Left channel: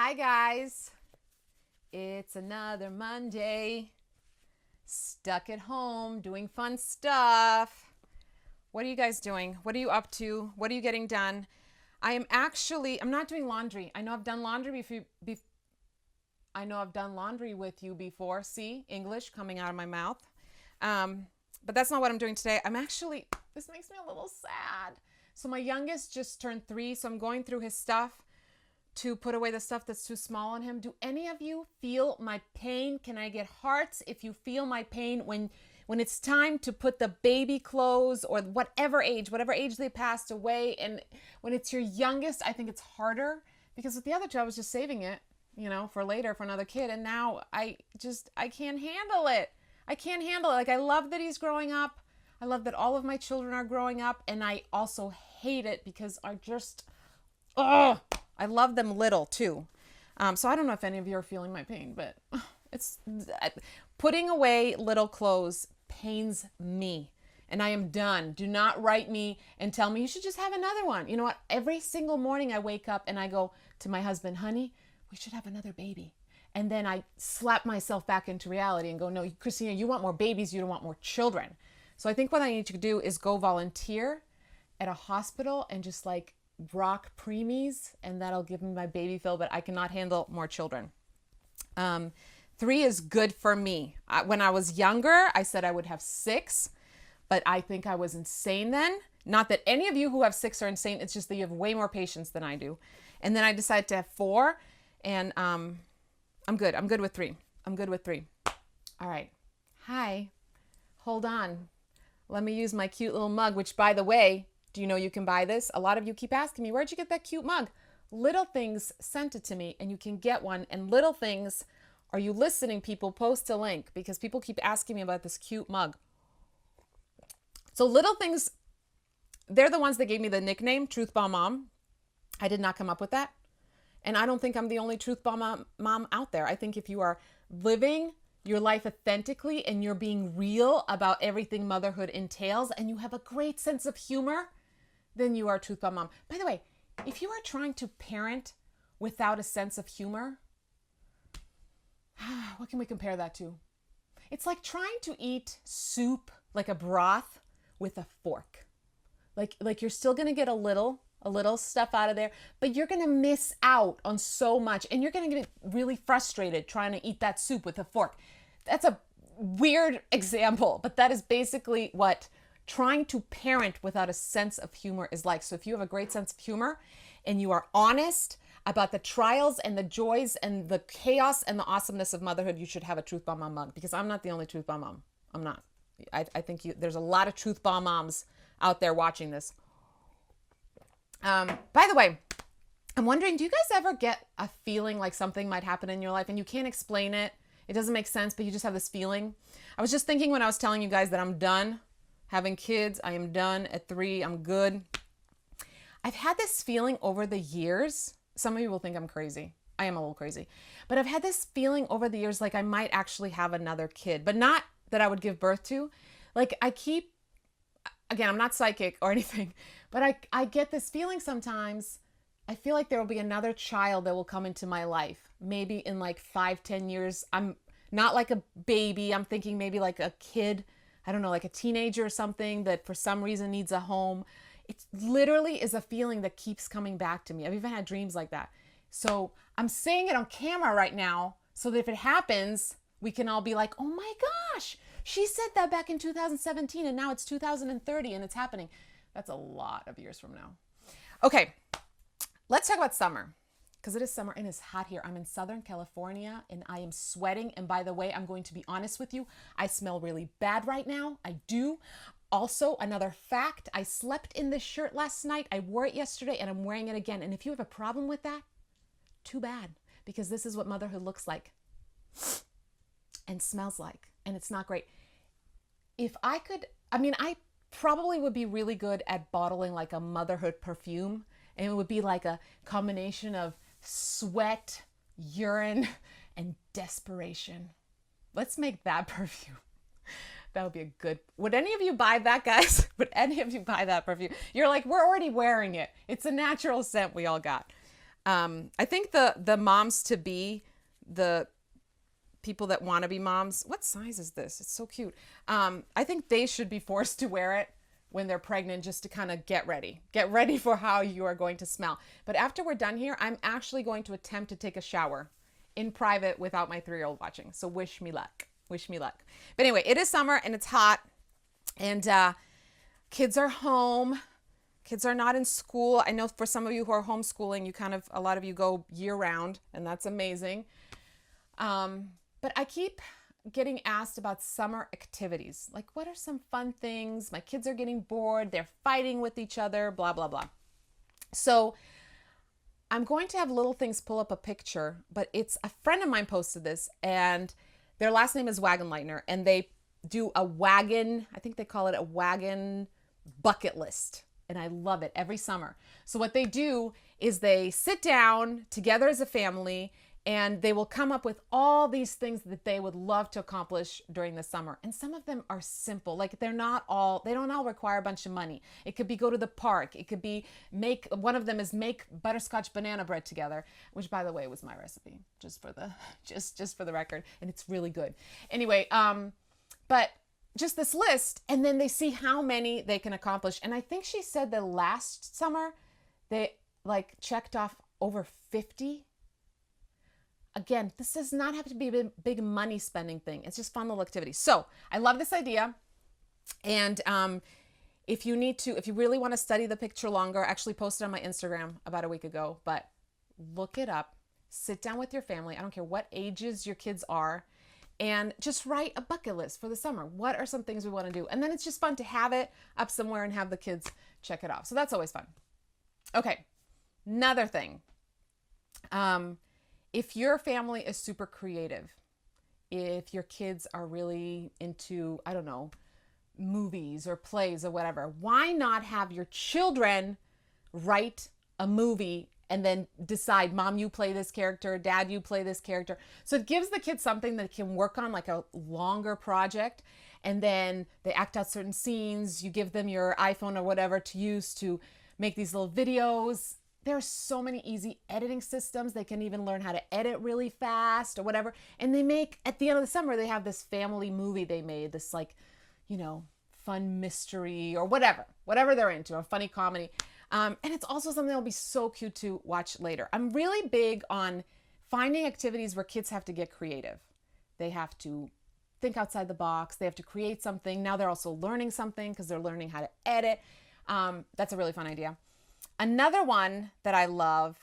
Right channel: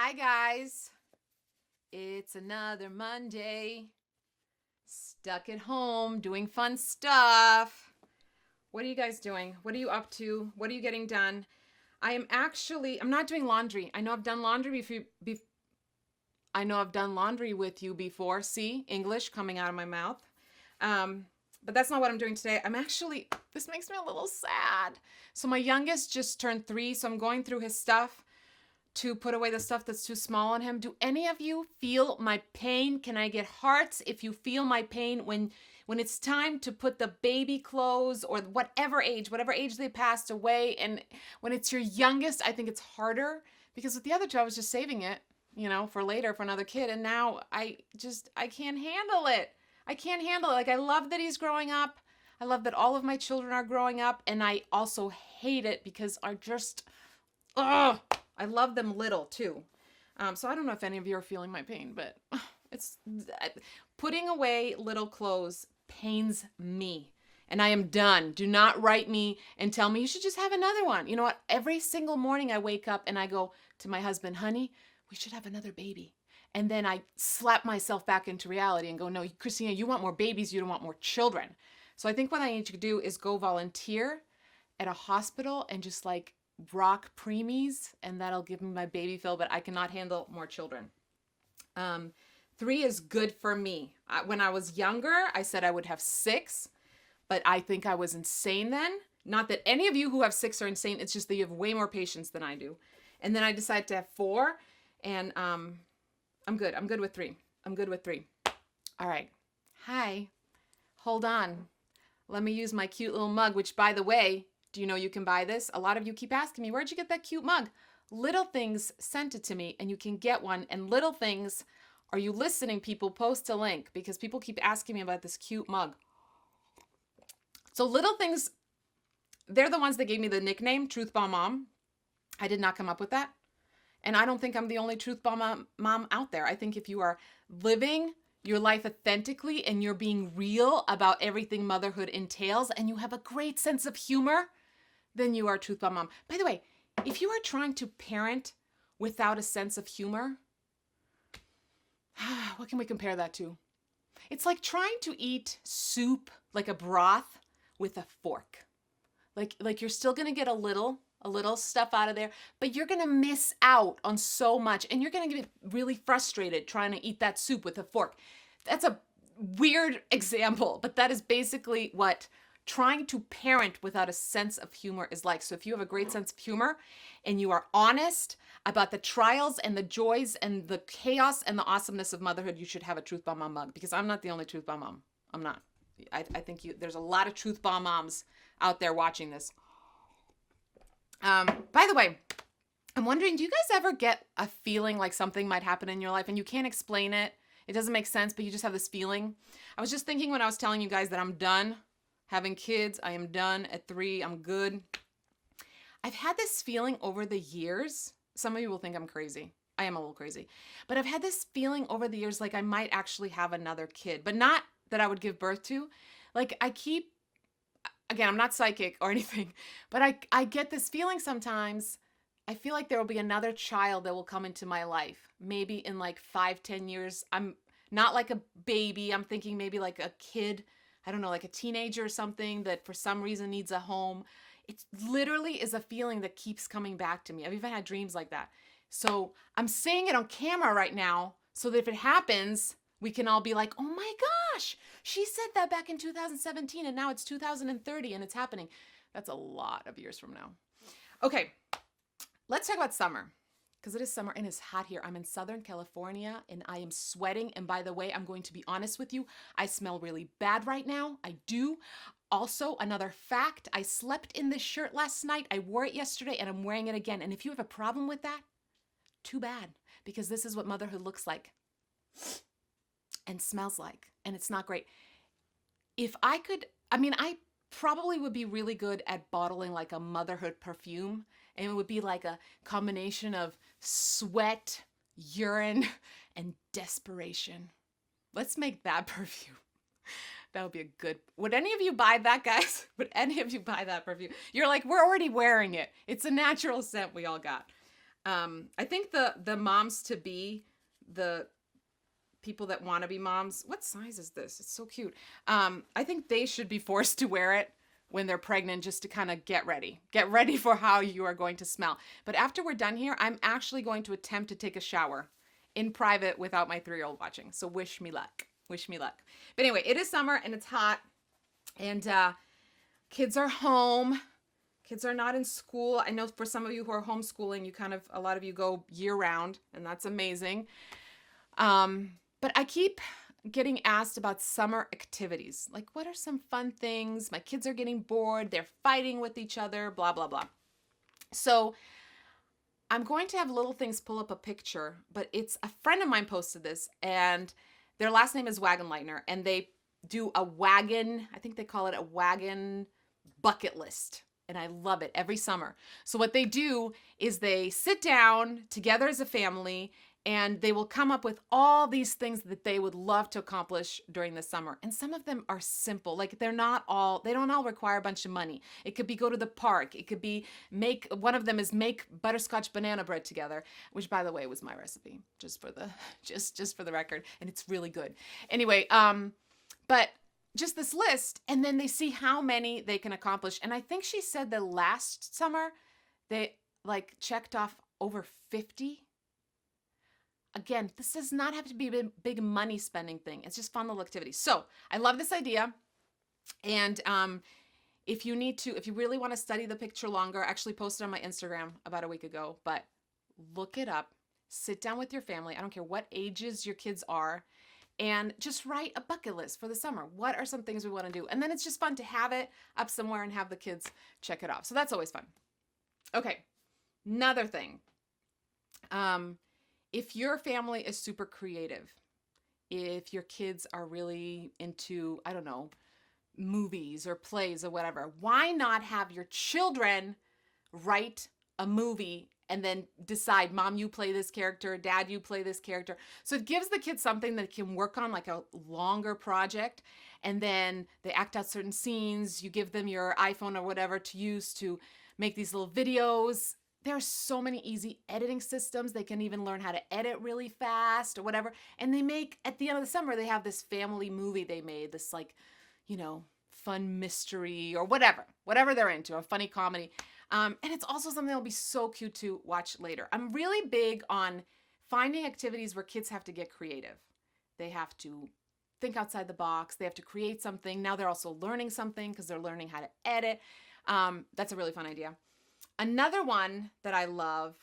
Hi guys, it's another Monday, stuck at home doing fun stuff. What are you guys doing? What are you up to? What are you getting done? I'm not doing laundry. I know I've done laundry I know I've done laundry with you before. See, English coming out of my mouth. But that's not what I'm doing today. This makes me a little sad. So my youngest just turned 3, so I'm going through his stuff to put away the stuff that's too small on him. Do any of you feel my pain? Can I get hearts if you feel my pain when it's time to put the baby clothes or whatever age they passed away? And when it's your youngest, I think it's harder because with the other two, I was just saving it, for later for another kid. And now I can't handle it. I can't handle it. Like, I love that he's growing up. I love that all of my children are growing up. And I also hate it because I love them little too. So I don't know if any of you are feeling my pain, but it's putting away little clothes pains me. And I am done. Do not write me and tell me you should just have another one. You know what? Every single morning I wake up and I go to my husband, honey, we should have another baby. And then I slap myself back into reality and go, no, Kristina, you want more babies. You don't want more children. So I think what I need to do is go volunteer at a hospital and just like rock preemies, and that'll give me my baby fill, but I cannot handle more children. 3 is good for me. When I was younger, I said I would have 6, but I think I was insane then. Not that any of you who have 6 are insane. It's just that you have way more patience than I do. And then I decided to have 4, and I'm good. I'm good with 3. I'm good with 3. All right. Hi. Hold on. Let me use my cute little mug, which, by the way, do you know you can buy this? A lot of you keep asking me, where'd you get that cute mug? LittleThings sent it to me, and you can get one. And LittleThings, are you listening, people? Post a link because people keep asking me about this cute mug. So LittleThings, they're the ones that gave me the nickname Truth Bomb Mom. I did not come up with that. And I don't think I'm the only Truth Bomb Mom out there. I think if you are living your life authentically and you're being real about everything motherhood entails and you have a great sense of humor, then you are a Truth Bomb Mom. By the way, if you are trying to parent without a sense of humor, what can we compare that to? It's like trying to eat soup, like a broth, with a fork. Like you're still going to get a little stuff out of there, but you're going to miss out on so much, and you're going to get really frustrated trying to eat that soup with a fork. That's a weird example, but that is basically what trying to parent without a sense of humor is like. So if you have a great sense of humor and you are honest about the trials and the joys and the chaos and the awesomeness of motherhood, you should have a Truth Bomb Mom mug, because I'm not the only Truth Bomb Mom. I'm not. I think there's a lot of Truth Bomb Moms out there watching this. By the way, I'm wondering, do you guys ever get a feeling like something might happen in your life and you can't explain it? It doesn't make sense, but you just have this feeling. I was just thinking when I was telling you guys that I'm done having kids. I am done at 3. I'm good. I've had this feeling over the years. Some of you will think I'm crazy. I am a little crazy. But I've had this feeling over the years like I might actually have another kid, but not that I would give birth to. Like again, I'm not psychic or anything, but I get this feeling sometimes. I feel like there will be another child that will come into my life. Maybe in like 5-10 years. I'm not like a baby. I'm thinking maybe like a kid. I don't know, like a teenager or something that for some reason needs a home. It literally is a feeling that keeps coming back to me. I've even had dreams like that. So I'm saying it on camera right now so that if it happens, we can all be like, oh my gosh, she said that back in 2017 and now it's 2030 and it's happening. That's a lot of years from now. Okay, let's talk about summer, because it is summer and it's hot here. I'm in Southern California and I am sweating. And by the way, I'm going to be honest with you. I smell really bad right now. I do. Also, another fact, I slept in this shirt last night. I wore it yesterday and I'm wearing it again. And if you have a problem with that, too bad, because this is what motherhood looks like and smells like, and it's not great. If I could, I probably would be really good at bottling like a motherhood perfume, and it would be like a combination of sweat, urine, and desperation. Let's make that perfume. That would be a good, would any of you buy that, guys? Would any of you buy that perfume? You're like, we're already wearing it. It's a natural scent we all got. I think the moms to be, the people that want to be moms, what size is this? It's so cute. I think they should be forced to wear it when they're pregnant, just to kind of get ready for how you are going to smell. But after we're done here, I'm actually going to attempt to take a shower in private without my 3-year-old watching. So wish me luck. Wish me luck. But anyway, it is summer and it's hot, and kids are home. Kids are not in school. I know for some of you who are homeschooling, a lot of you go year round, and that's amazing. But I keep getting asked about summer activities. Like, what are some fun things? My kids are getting bored. They're fighting with each other, blah, blah, blah. So I'm going to have LittleThings pull up a picture, but it's a friend of mine posted this, and their last name is Wagenleitner, and they do a wagon, I think they call it a wagon bucket list. And I love it every summer. So what they do is they sit down together as a family, and they will come up with all these things that they would love to accomplish during the summer. And some of them are simple. Like, they don't all require a bunch of money. It could be go to the park. It could be one of them is make butterscotch banana bread together, which, by the way, was my recipe, just for the record. And it's really good. Anyway, but just this list, and then they see how many they can accomplish. And I think she said that last summer they checked off over 50. Again, this does not have to be a big money spending thing. It's just fun little activities. So I love this idea. And if you really want to study the picture longer, I actually posted on my Instagram about a week ago, but look it up, sit down with your family. I don't care what ages your kids are, and just write a bucket list for the summer. What are some things we want to do? And then it's just fun to have it up somewhere and have the kids check it off. So that's always fun. Okay, another thing. If your family is super creative, if your kids are really into, I don't know, movies or plays or whatever, why not have your children write a movie and then decide, Mom, you play this character, Dad, you play this character. So it gives the kids something that can work on, like a longer project, and then they act out certain scenes. You give them your iPhone or whatever to use to make these little videos. There's so many easy editing systems. They can even learn how to edit really fast or whatever. And they make, at the end of the summer, they have this family movie they made, this fun mystery or whatever they're into, a funny comedy. And it's also something that'll be so cute to watch later. I'm really big on finding activities where kids have to get creative. They have to think outside the box. They have to create something. Now they're also learning something because they're learning how to edit. That's a really fun idea. Another one that I love,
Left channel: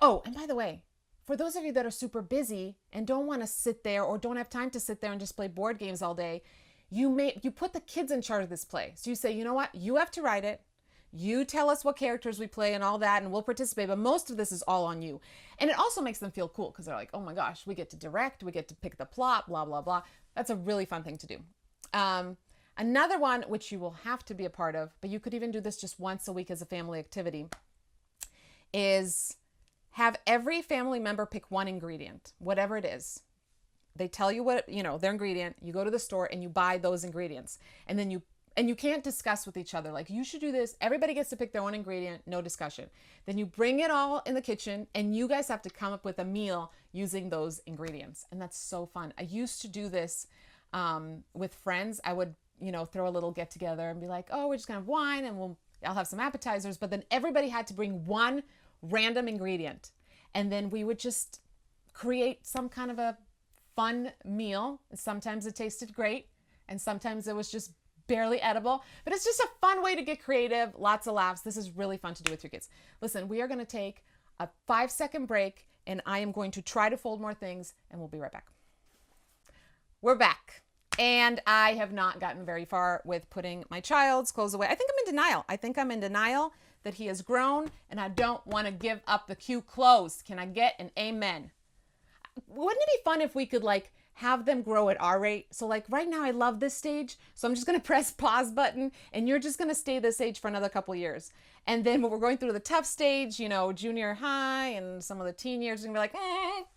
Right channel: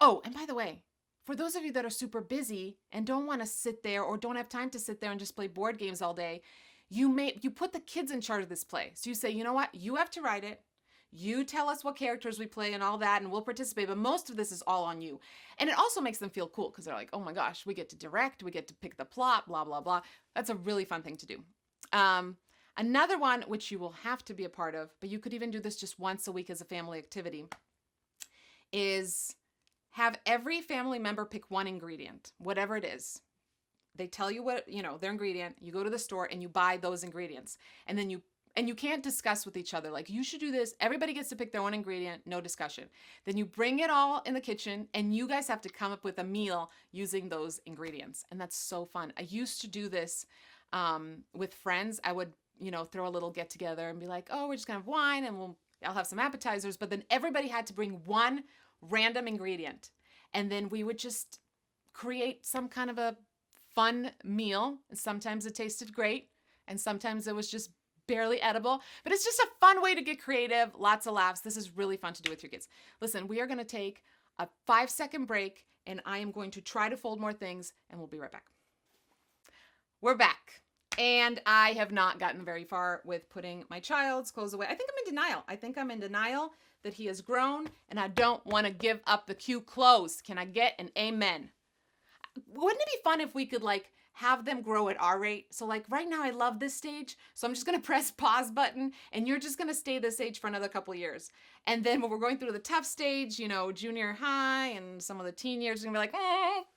oh, and by the way, for those of you that are super busy and don't want to sit there or don't have time to sit there and just play board games all day, you put the kids in charge of this play. So you say, you know what, you have to write it. You tell us what characters we play and all that, and we'll participate, but most of this is all on you. And it also makes them feel cool because they're like, oh my gosh, we get to direct, we get to pick the plot, blah, blah, blah. That's a really fun thing to do. Another one, which you will have to be a part of, but you could even do this just once a week as a family activity, is have every family member pick one ingredient, whatever it is. They tell you what, their ingredient. You go to the store and you buy those ingredients. And then you can't discuss with each other. Like, you should do this. Everybody gets to pick their own ingredient, no discussion. Then you bring it all in the kitchen and you guys have to come up with a meal using those ingredients. And that's so fun. I used to do this with friends. I would throw a little get together and be like, oh, we're just gonna have wine and I'll have some appetizers. But then everybody had to bring one random ingredient. And then we would just create some kind of a fun meal. Sometimes it tasted great and sometimes it was just barely edible, but it's just a fun way to get creative. Lots of laughs. This is really fun to do with your kids. Listen, we are going to take a 5-second break and I am going to try to fold more things and we'll be right back. We're back. And I have not gotten very far with putting my child's clothes away. I think I'm in denial that he has grown and I don't want to give up the cute clothes. Can I get an amen? Wouldn't it be fun if we could have them grow at our rate? So right now I love this stage. So I'm just going to press pause button and you're just going to stay this age for another couple years. And then when we're going through the tough stage, junior high and some of the teen years, we're going to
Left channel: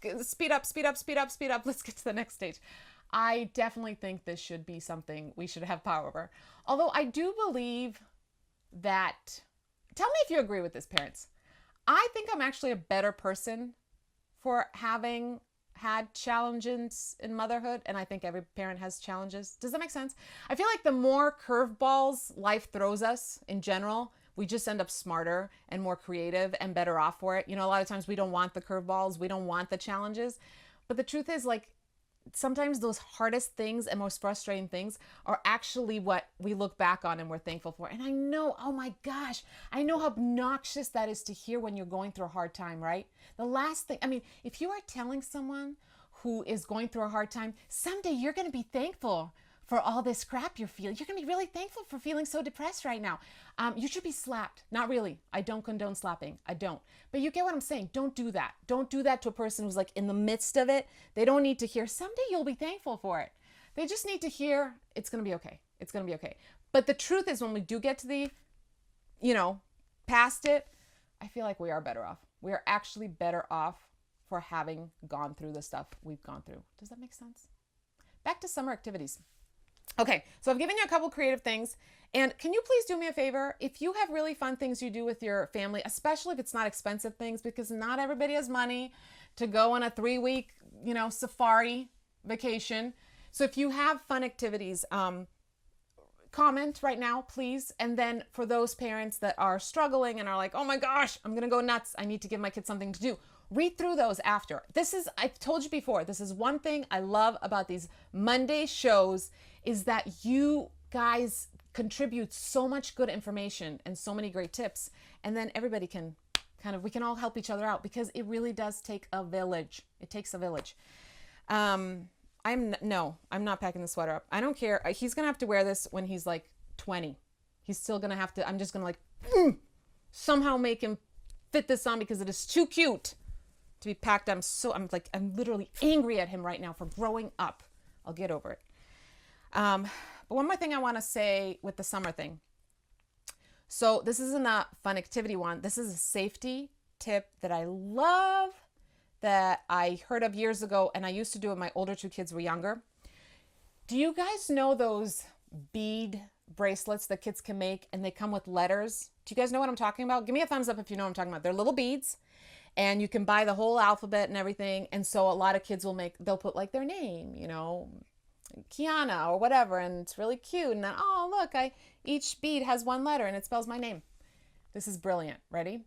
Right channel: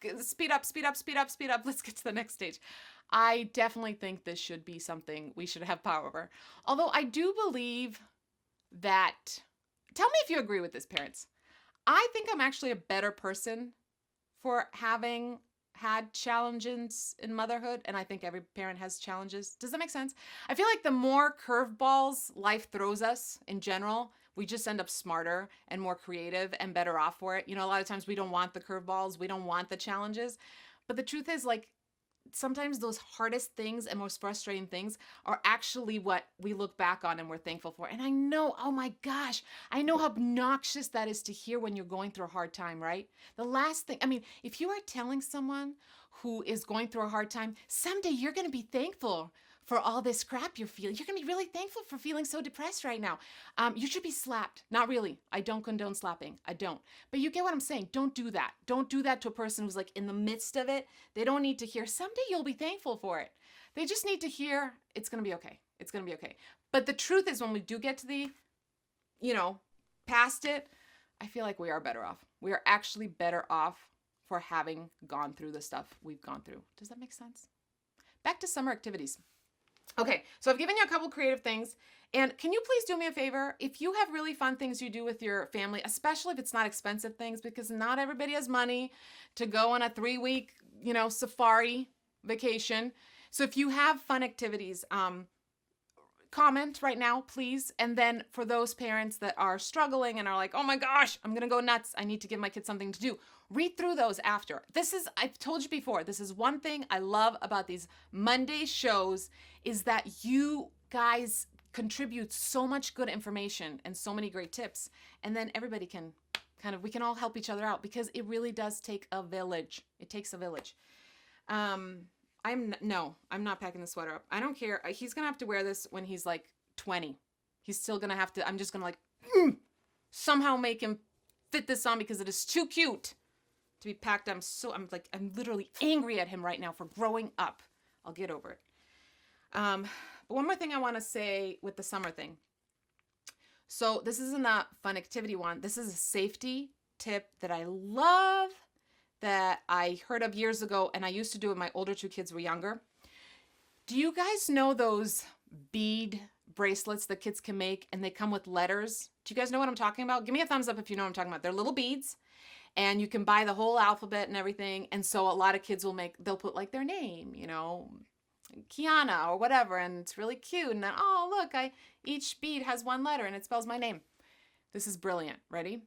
be like, speed up, speed up, speed up, speed up. Let's get to the next stage. I definitely think this should be something we should have power over. Although I do believe that, tell me if you agree with this, parents. I think I'm actually a better person for having had challenges in motherhood, and I think every parent has challenges. Does that make sense? I feel like the more curveballs life throws us in general, we just end up smarter and more creative and better off for it. You know, a lot of times we don't want the curveballs, we don't want the challenges. But the truth is, like, sometimes those hardest things and most frustrating things are actually what we look back on and we're thankful for. And I know, oh my gosh, I know how obnoxious that is to hear when you're going through a hard time, right? The last thing, I mean, if you are telling someone who is going through a hard time, someday you're going to be thankful for all this crap you're feeling. You're going to be really thankful for feeling so depressed right now. You should be slapped. Not really. I don't condone slapping. I don't. But you get what I'm saying. Don't do that. Don't do that to a person who's like in the midst of it. They don't need to hear, someday you'll be thankful for it. They just need to hear, it's going to be okay. It's going to be okay. But the truth is, when we do get to the, past it, I feel like we are better off. We are actually better off for having gone through the stuff we've gone through. Does that make sense? Back to summer activities. Okay, so I've given you a couple creative things, and can you please do me a favor? If you have really fun things you do with your family, especially if it's not expensive things, because not everybody has money to go on a 3-week, safari vacation. So if you have fun activities, comment right now, please. And then for those parents that are struggling and are like, oh my gosh, I'm gonna go nuts, I need to give my kids something to do, read through those after. I've told you before, this is one thing I love about these Monday shows, is that you guys contribute so much good information and so many great tips. And then everybody can we can all help each other out, because it really does take a village. It takes a village. I'm not packing the sweater up. I don't care. He's going to have to wear this when he's like 20. He's still going to have to, I'm just going to somehow make him fit this on, because it is too cute to be packed. I'm literally angry at him right now for growing up. I'll get over it. But one more thing I want to say with the summer thing. So this isn't a fun activity one. This is a safety tip that I love, that I heard of years ago, and I used to do it when my older 2 kids were younger. Do you guys know those bead bracelets that kids can make, and they come with letters? Do you guys know what I'm talking about? Give me a thumbs up if you know what I'm talking about. They're little beads, and you can buy the whole alphabet and everything. And so a lot of kids they'll put like their name, Kiana or whatever, and it's really cute. And then, oh, look, each bead has one letter and it spells my name. This is brilliant. Ready?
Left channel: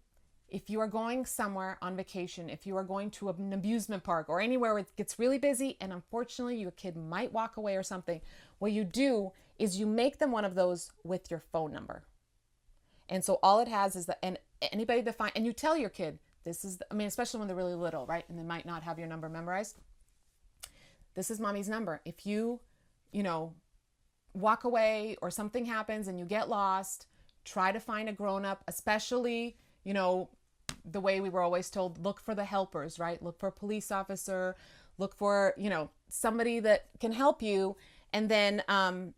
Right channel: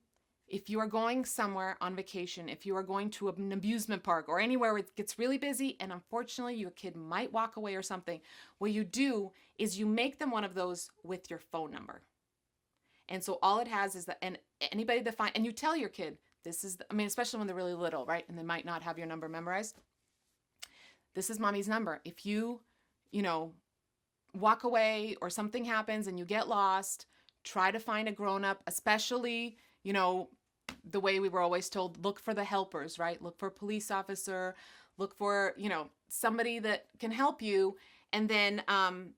If you are going somewhere on vacation, if you are going to an amusement park or anywhere where it gets really busy, and unfortunately your kid might walk away or something, what you do is you make them one of those with your phone number. And so all it has is and anybody that and you tell your kid, especially when they're really little, right? And they might not have your number memorized. This is mommy's number. If you, walk away or something happens and you get lost, try to find a grown-up, especially, the way we were always told, look for the helpers, right? Look for a police officer, look for, somebody that can help you. And then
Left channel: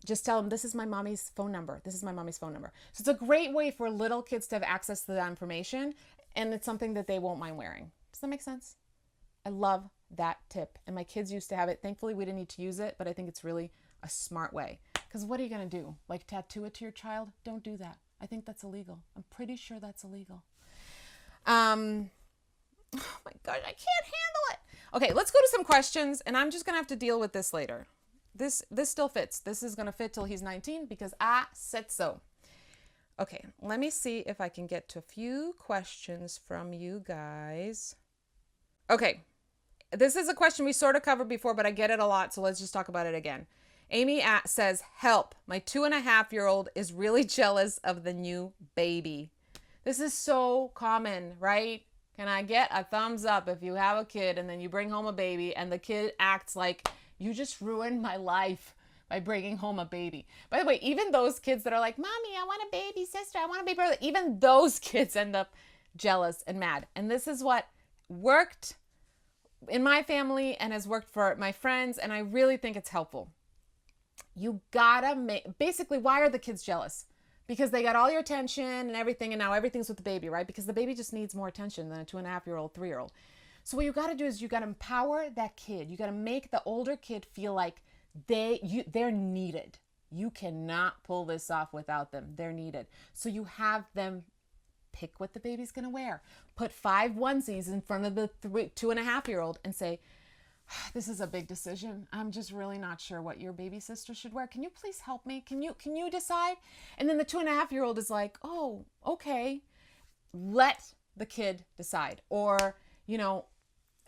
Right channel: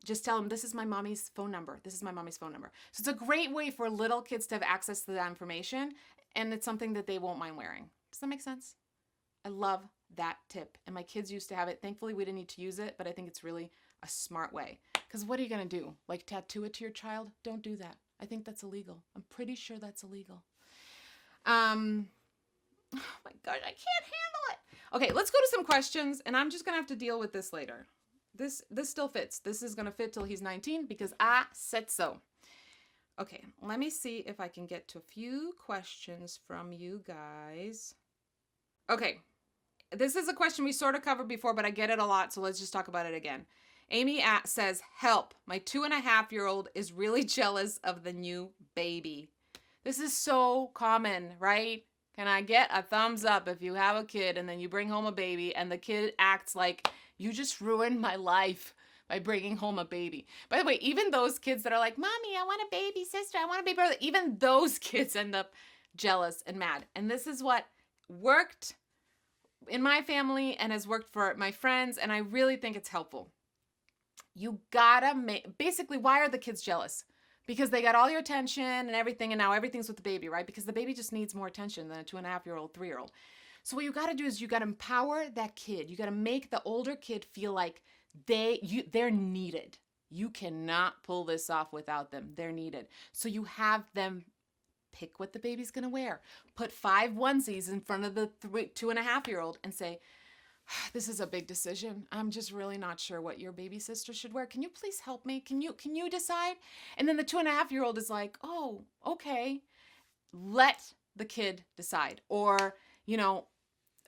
just tell them, this is my mommy's phone number. This is my mommy's phone number. So it's a great way for little kids to have access to that information. And it's something that they won't mind wearing. Does that make sense? I love that tip. And my kids used to have it. Thankfully, we didn't need to use it, but I think it's really a smart way. Because what are you going to do? Like tattoo it to your child? Don't do that. I think that's illegal. I'm pretty sure that's illegal. Oh my God, I can't handle it. Okay, let's go to some questions, and I'm just going to have to deal with this later. This still fits. This is going to fit till he's 19 because I said so. Okay, let me see if I can get to a few questions from you guys. Okay, this is a question we sort of covered before, but I get it a lot, so let's just talk about it again. Amy says, help, my 2.5-year-old is really jealous of the new baby. This is so common, right? Can I get a thumbs up if you have a kid and then you bring home a baby and the kid acts like, you just ruined my life by bringing home a baby. By the way, even those kids that are like, Mommy, I want a baby sister, I want a baby brother, even those kids end up jealous and mad. And this is what worked in my family and has worked for my friends, and I really think it's helpful. You gotta basically, why are the kids jealous? Because they got all your attention and everything, and now everything's with the baby, right? Because the baby just needs more attention than a 2.5-year-old, 3-year-old. So what you got to do is you got to empower that kid. You got to make the older kid feel like they're needed. You cannot pull this off without them. They're needed. So you have them Pick what the baby's going to wear. Put 5 onesies in front of the 2.5-year-old and say, this is a big decision. I'm just really not sure what your baby sister should wear. Can you please help me? Can you decide? And then the 2.5-year-old is like, oh, okay. Let the kid decide. Or,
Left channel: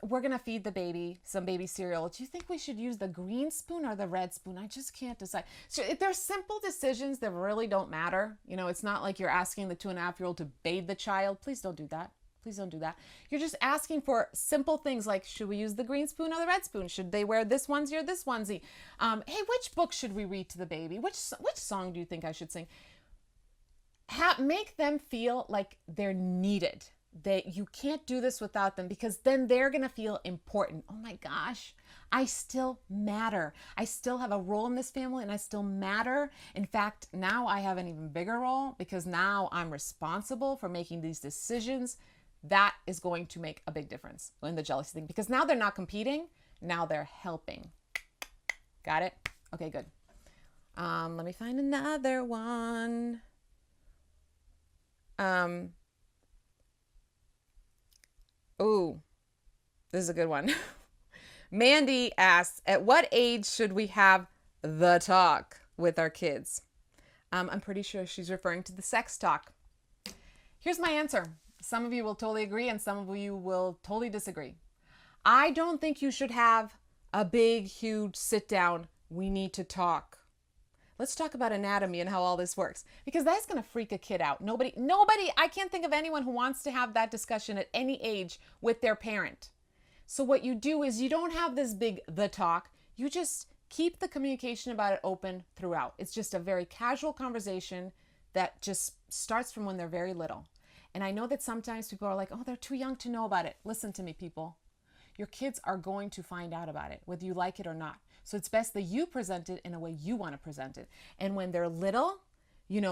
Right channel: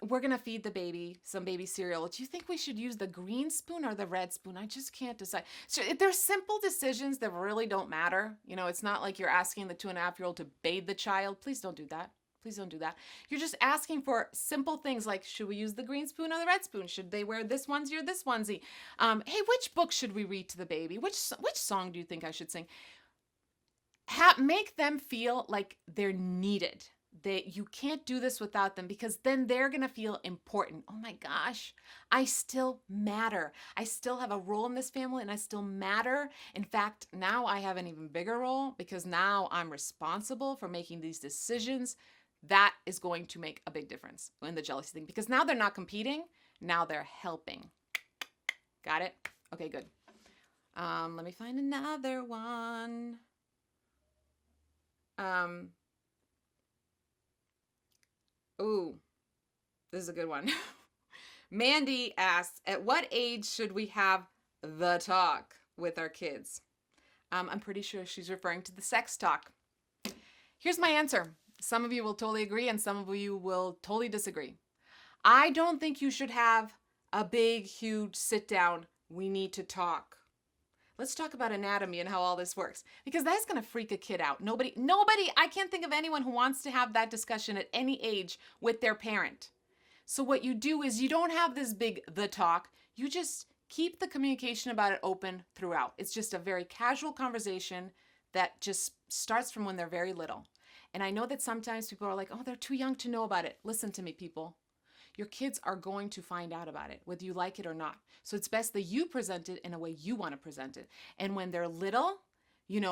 we're going to feed the baby some baby cereal. Do you think we should use the green spoon or the red spoon? I just can't decide. So there's simple decisions that really don't matter. It's not like you're asking the 2.5-year-old to bathe the child. Please don't do that. Please don't do that. You're just asking for simple things like, should we use the green spoon or the red spoon? Should they wear this onesie or this onesie? Hey, which book should we read to the baby? Which song do you think I should sing? Make them feel like they're needed. You can't do this without them, because then they're going to feel important. Oh my gosh, I still matter. I still have a role in this family and I still matter. In fact, now I have an even bigger role because now I'm responsible for making these decisions. That is going to make a big difference in the jealousy thing, because now they're not competing. Now they're helping. Got it? Okay, good. Let me find another one. Oh, this is a good one. Mandy asks, at what age should we have the talk with our kids? I'm pretty sure she's referring to the sex talk. Here's my answer. Some of you will totally agree and some of you will totally disagree. I don't think you should have a big, huge sit down. We need to talk. Let's talk about anatomy and how all this works, because that's going to freak a kid out. Nobody, I can't think of anyone who wants to have that discussion at any age with their parent. So what you do is you don't have this big the talk. You just keep the communication about it open throughout. It's just a very casual conversation that just starts from when they're very little. And I know that sometimes people are like, oh, they're too young to know about it. Listen to me, people. Your kids are going to find out about it, whether you like it or not. So it's best that you present it in a way you want to present it. And when they're little, you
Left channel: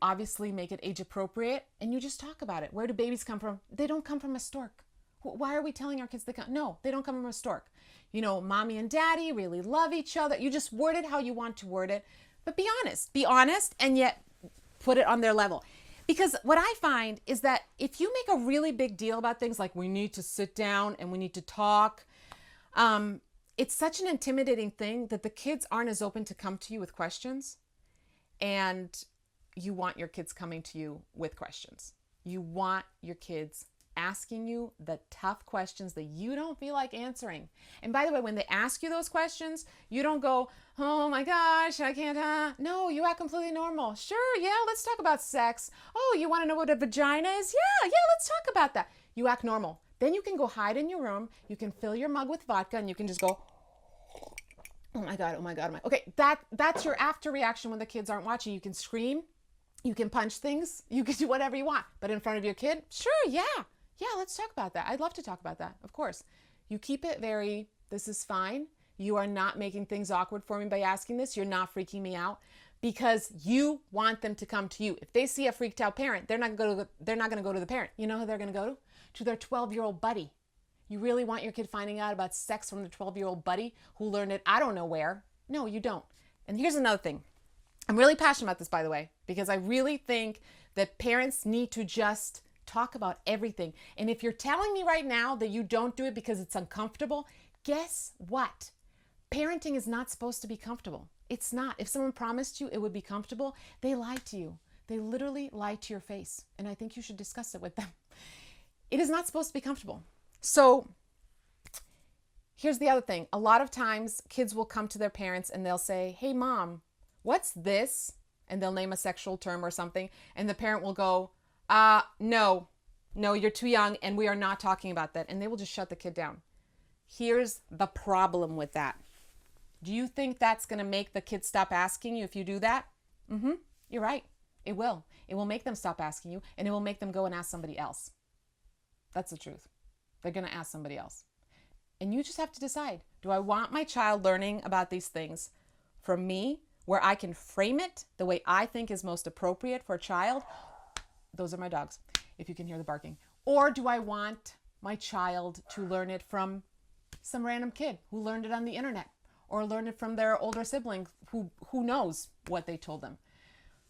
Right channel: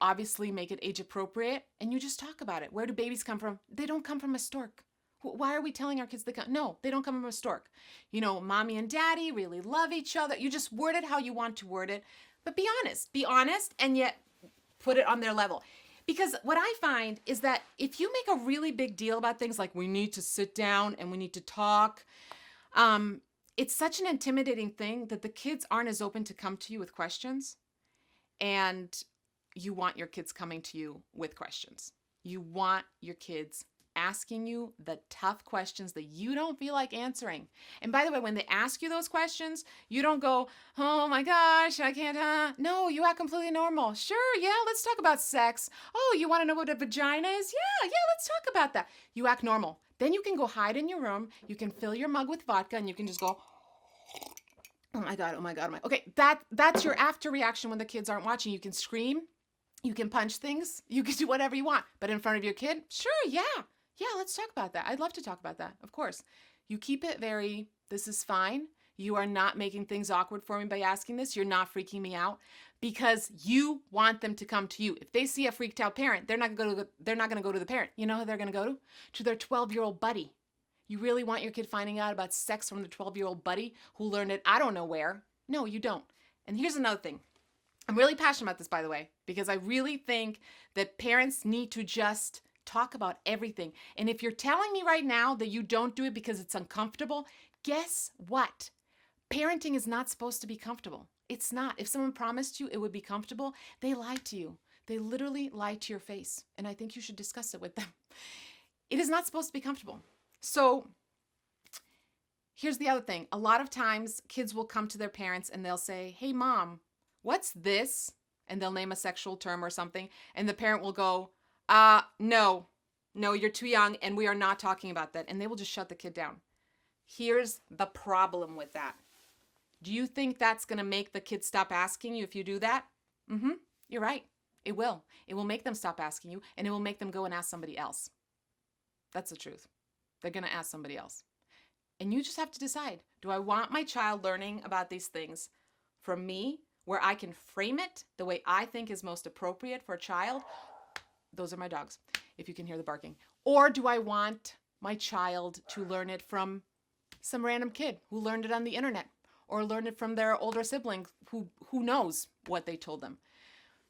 obviously make it age appropriate and you just talk about it. Where do babies come from? They don't come from a stork. Why are we telling our kids they come? No, they don't come from a stork. Mommy and daddy really love each other. You just word it how you want to word it, but be honest and yet put it on their level. Because what I find is that if you make a really big deal about things like we need to sit down and we need to talk, it's such an intimidating thing that the kids aren't as open to come to you with questions. And you want your kids coming to you with questions. You want your kids asking you the tough questions that you don't feel like answering. And by the way, when they ask you those questions, you don't go, oh my gosh, I can't, No, you act completely normal. Sure, yeah, let's talk about sex. Oh, you want to know what a vagina is? Yeah, let's talk about that. You act normal. Then you can go hide in your room. You can fill your mug with vodka and you can just go, oh my God. Okay, that's your after reaction when the kids aren't watching. You can scream, you can punch things, you can do whatever you want. But in front of your kid, sure, yeah, let's talk about that. I'd love to talk about that, of course. You keep it very, this is fine. You are not making things awkward for me by asking this. You're not freaking me out because you want them to come to you. If they see a freaked out parent, they're not going to go to the parent. You know who they're going to go to? To their 12-year-old buddy. You really want your kid finding out about sex from the 12-year-old buddy who learned it I don't know where? No, you don't. And here's another thing. I'm really passionate about this, by the way, because I really think that parents need to just talk about everything. And if you're telling me right now that you don't do it because it's uncomfortable, guess what? Parenting is not supposed to be comfortable. It's not. If someone promised you it would be comfortable, they lied to you. They literally lied to your face. And I think you should discuss it with them. It is not supposed to be comfortable. So here's the other thing. A lot of times kids will come to their parents and they'll say, hey, mom, what's this? And they'll name a sexual term or something. And the parent will go, no, you're too young and we are not talking about that. And they will just shut the kid down. Here's the problem with that. Do you think that's going to make the kid stop asking you if you do that? You're right. It will. It will make them stop asking you and it will make them go and ask somebody else. That's the truth. They're going to ask somebody else. And you just have to decide, do I want my child learning about these things from me where I can frame it the way I think is most appropriate for a child? Those are my dogs, if you can hear the barking. Or do I want my child to learn it from some random kid who learned it on the internet or learned it from their older sibling who knows what they told them?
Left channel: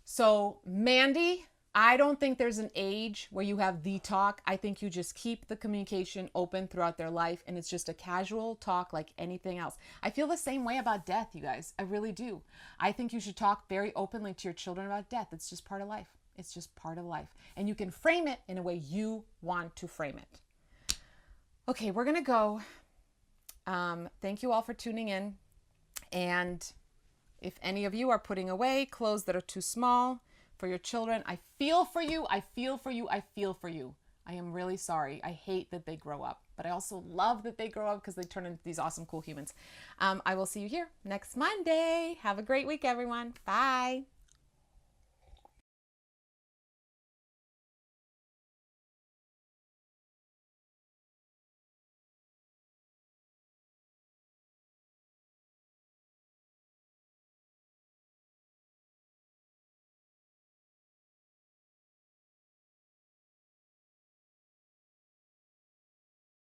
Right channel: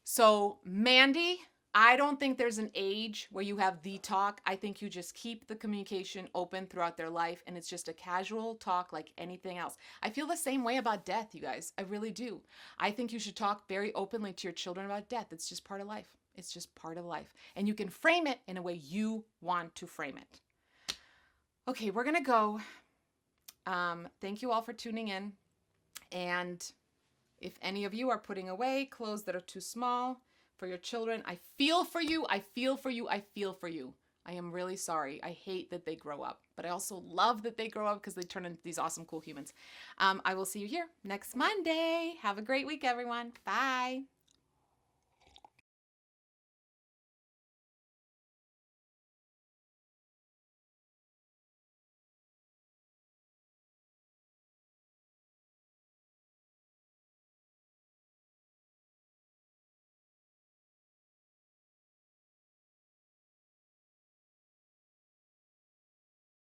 So Mandy, I don't think there's an age where you have the talk. I think you just keep the communication open throughout their life, and it's just a casual talk like anything else. I feel the same way about death, you guys. I really do. I think you should talk very openly to your children about death. It's just part of life. It's just part of life. And you can frame it in a way you want to frame it. Okay, we're going to go. Thank you all for tuning in. And if any of you are putting away clothes that are too small for your children, I feel for you. I feel for you. I feel for you. I am really sorry. I hate that they grow up, but I also love that they grow up because they turn into these awesome, cool humans. I will see you here next Monday. Have a great week, everyone. Bye.